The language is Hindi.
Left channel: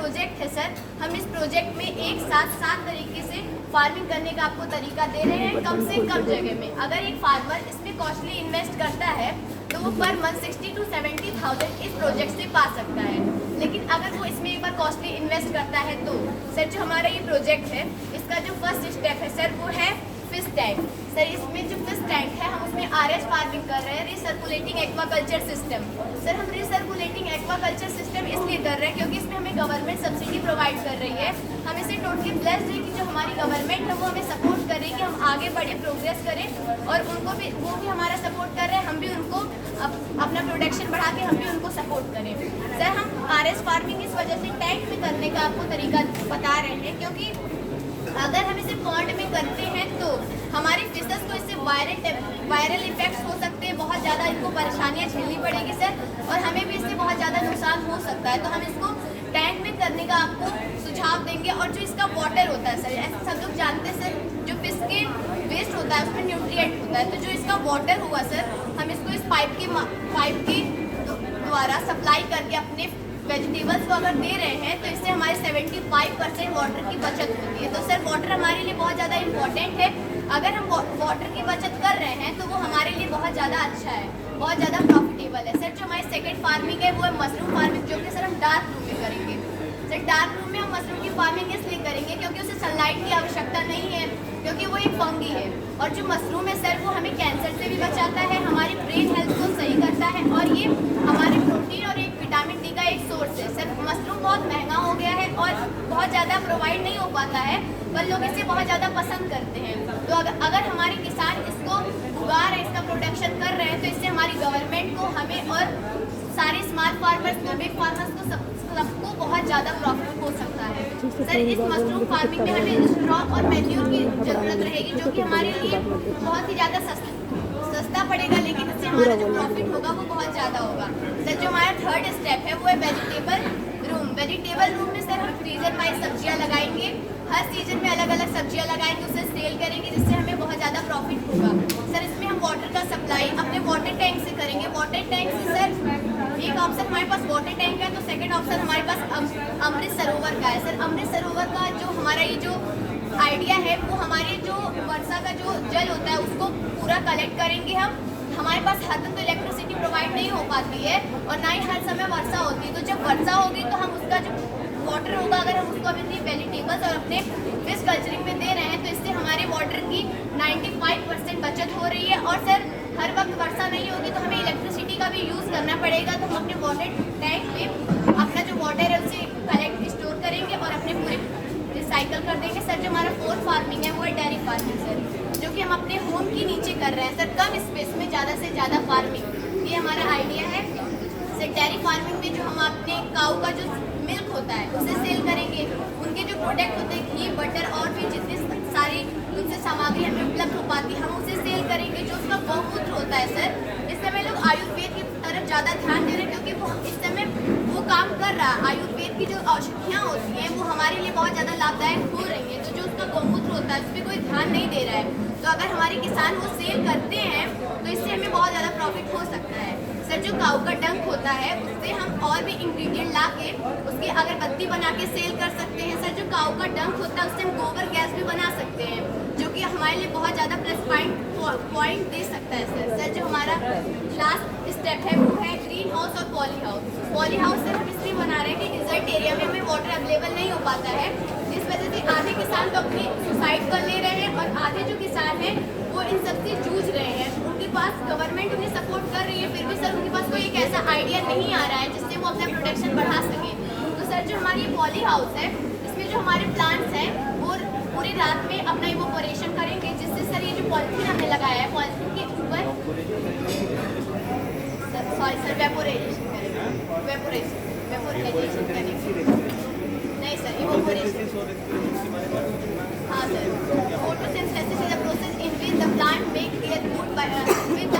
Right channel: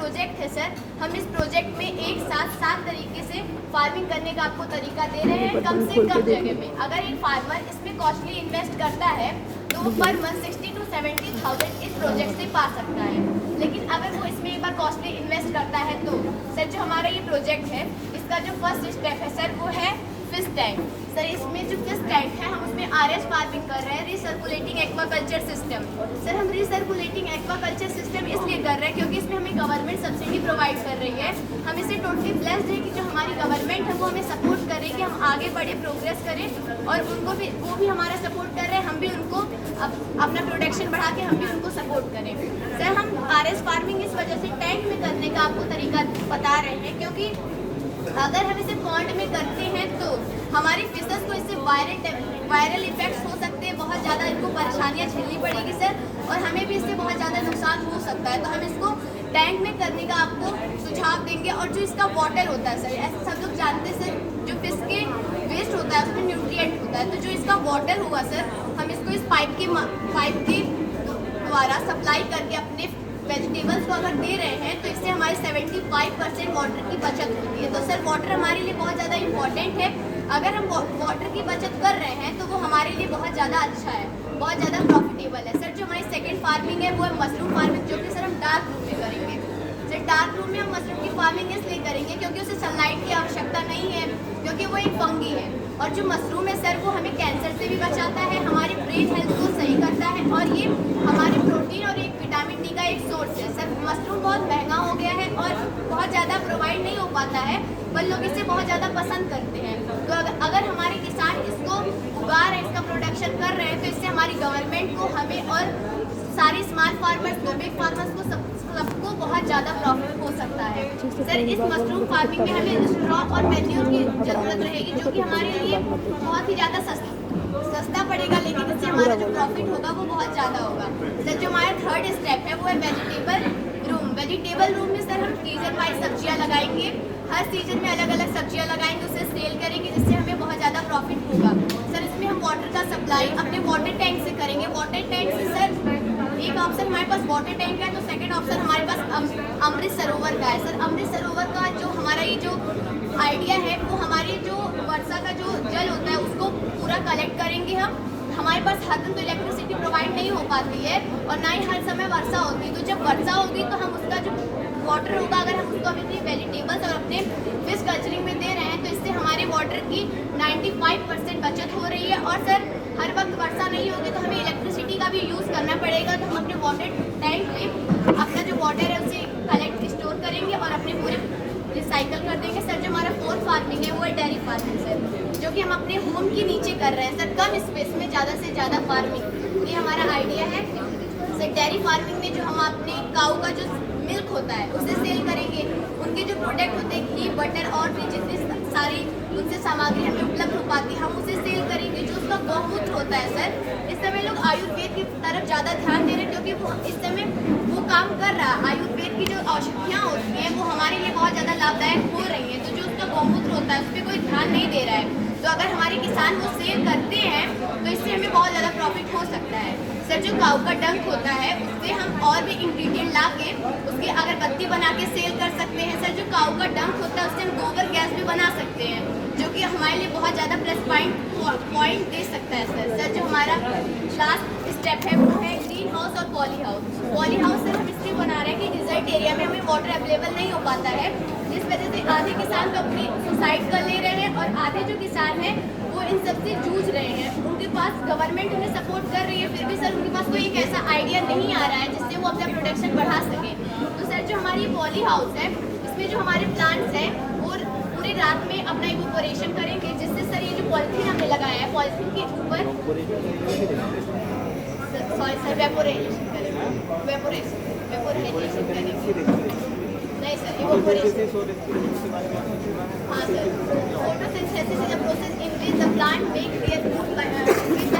प्रोजेक्ट है सर, हम इस प्रोजेक्ट में एक साथ 7 तरीके से फार्मिंग करने का आपको तरीका दे रहे हैं कम से कम जगह में। अगर एक फार्मर इसमें कॉस्टली इन्वेस्ट करता है तो वो पर मंथ 60 to 70,000 इस प्रोजेक्ट से पा सकता है। लेकिन अगर वो इसमें एक बार कॉस्टली इन्वेस्ट करता है तो सर जो हमारा ये प्रोजेक्ट है इसका जो फर्स्ट स्टेप है सर वो है फिश टैंक। सर इसमें जो फिश टैंक है हम उसमें RS फार्मिंग कर रहे हैं, रिसर्कुलेटिंग एक्वाकल्चर सिस्टम। सर हम रिसर्कुलेटिंग एक्वाकल्चर सिस्टम इसलिए कर रहे हैं क्योंकि इसमें हमें गवर्नमेंट सब्सिडी प्रोवाइड कर रही है। हम इसे टोटली ब्लेस्ड है कि जो हमारी गवर्नमेंट है वो हमें सपोर्ट कर रही है कि हम आगे बढ़े, प्रोग्रेस करें, और उनको भी वो भी हमारा सपोर्ट कर रहे हैं, हम भी उनको अपना प्रोडक्शन बढ़ा के हम भी उनको सपोर्ट करें। सर हम RS फार्मिंग इस वजह से टैंक में करने का आपको तरीका बता रहे हैं क्योंकि अगर हम इसे पॉन्ड में करते हैं तो हमारी फिशेस को इससे वायरल इफेक्ट्स हो सकते हैं, बहुत ज़्यादा इनको परेशानियां झेलनी पड़ेगी सर, और हमें भी इससे बहुत ज़्यादा नुकसान हो सकता है। तो हम इसको टैंक में करने का आपको सुझाव देंगे। और जो इसका वाटर होता है सर, ऐसे सब लोग जानते हैं सर, जो फिश के वेस्ट होता है उसमें न्यूट्रिएंट होता है, तो जो इसका वाटर होगा सर हम इसको इस पाइप के द्वारा सप्लाई करके अपने वेजिटेबल्स को अगर दे रहे हैं तो इससे हमारे 75% वाटर की बचत होती है। तो सर वाटर हमारे लिए बहुत ज़्यादा इम्पॉर्टेंट है। अगर हम वाटर की बचत कर रहे हैं तो वो हमारे लिए बहुत ज़्यादा अच्छा है, बहुत ज़्यादा प्रॉफिटेबल है। सर जो हमारी सेकंड फार्मिंग है वो है मशरूम फार्मिंग, जो कि सर हम डार्क रूम में करेंगे। सर डार्क रूम में हम मशरूम की फार्मिंग इसलिए करेंगे क्योंकि उसे सनलाइट की आवश्यकता नहीं है, क्योंकि वो एक फंगी है। और जो मशरूम है सर वो हमें कैंसर से भी बचाता है, हमारी ब्रेन हेल्थ को सही करता है, और ये हमारे प्रोटीन और एक विटामिन डी का एक सोर्स है। सर मशरूम बहुत महंगा हो गया है और बहुत ज़्यादा प्रोवाइड नहीं हो पाता है, पर लोग इसे बहुत ज़्यादा पसंद करते हैं। तो अगर हमारे किसान इसको उगा रहे हैं, इसका प्रोडक्शन कर रहे हैं, तो इससे हमारी गवर्नमेंट को, हमें और सारे स्मॉल फार्मर्स को, बिग फार्मर्स को, सबको बहुत ज़्यादा प्रॉफिट हो सकता है। सर इस मशरूम फार्मिंग में हमें स्ट्रॉ और मैन्योर की ज़रूरत रहेगी, जो कि हमारे लिए बहुत ही ज़्यादा सस्ता पड़ेगा, लेकिन इससे हमारा जो प्रॉफिट होगा वो बहुत ज़्यादा होगा। सर जो हमारा थर्ड स्टेप है वो है वेजिटेबल रूम। वेजिटेबल रूम में सर हम सीजन वाइज सब्जियाँ लगाएंगे, हर सीजन में अलग अलग सब्जियाँ लगाएंगे, उसे सेल करेंगे, जिससे हमें बहुत ज़्यादा प्रॉफिट होगा। सर इसमें हम वाटर का सप्लाई अपने वाटर टैंक से करेंगे। वाटर टैंक से सर एक ऑप्शन हमारे पास वाटर टैंक है, तो सेकंड ऑप्शन हमारे पास अमृत सरोवर का है। सर अमृत सरोवर का जो हमारा ये जो आइडिया है वो हमारे जो वर्षा का जो जल होता है उसको पूरा कलेक्ट करेंगे हम। हमारे पास हर दिन तो इलेक्ट्रिसिटी प्रोवाइड नहीं हो पाती है और ना ही हर समय वर्षा होती है, तो जब वर्षा होगी तो हम उसका जो वाटर होगा, अगर हम उसको अपने वेजिटेबल्स और अपने फिश कल्चरिंग में दे रहे हैं तो इससे हमारे वाटर की 95% बचत हो रही है। और सर हर वक्त वर्षा नहीं होगी तो हमें इलेक्ट्रिसिटी का भी यूज़ करना पड़ेगा, तो हम अपने वाटर टैंक में अपना जो वाटर है उसे कलेक्ट स्टोर करेंगे और अपने पूरे रिसाइकल कर देंगे। सर जो हमारा फोर्थ फार्मिंग है वो है डेयरी फार्मिंग सर, जो कि हम अपने होम के नीचे कर रहे हैं सर, कम स्पेस में ज़्यादा से ज़्यादा फार्मिंग, ये हमारा आइडिया है। सर डेयरी फार्मिंग में जो हम अपने काऊ का जो मिल्क होता है उसे सेल करेंगे, उनके जो प्रोडक्ट होते हैं घी, बटर और भी जितनी सारी उनसे सामग्री हमें उपलब्ध हो पाती है हम उसे सेल करेंगे। जो उसका गौमूत्र होता है सर, इस समय लोग आयुर्वेद की तरफ ज़्यादा ध्यान दे रहे हैं क्योंकि वो इस समय वो काम कर रहा है। आयुर्वेद की जो औषधियाँ होती हैं वो हमारे लिए बहुत ज़्यादा लाभदायक हो रही हैं, तो जो उसका गौमूत्र होता है उस पर कोई ध्यान नहीं दे रहा है। तो अगर हमारे किसान वो सेल करते हैं तो इससे हमें बहुत ज़्यादा प्रॉफिट हो सकता है। सर जो काऊ का डंक होता है उससे हम और भी इंग्रेडिएंट ला के उसकी अगरबत्ती बना के सेल कर सकते हैं। सर जो काऊ का डंक होता है उससे हम गोबर गैस भी बना सकते हैं, जो कि हमारे लिए बहुत ज़्यादा प्लस पॉइंट दे सकता है सर। सर जो हमारा लास्ट स्टेप है वो है ग्रीन हाउस और poly house. Poly house sir हम इसलिए बना रहे हैं कि डिजर्ट एरिया में हमें वाटर अवेलेबल नहीं हो पाता है, इस वजह से आधे किसान तो अपनी सुसाइड कर ले रहे हैं और आधे जो किसान हैं वो इन सबसे जूझ रहे हैं। उनके पास गवर्नमेंट उन्हें सपोर्ट कर रही है, फिर भी सर उनके पास कोई एक ऐसा आइडिया नहीं आ रहा है जिससे वो अपना प्रोडक्शन बढ़ा सके। तो सर जो हमारी पॉली हाउस है इसमें जो हमारे प्लांट्स हैं वो पूरी रात में अपना इवोपोरेशन करेंगे, जिससे सर ये जो पॉलिथीन हमने लगाया है पॉलिथीन के ऊपर वेपोरेशन करेंगे। नहीं सर इवोपोरेशन, हाँ sir, photosynthesis is a process in which the plant make their food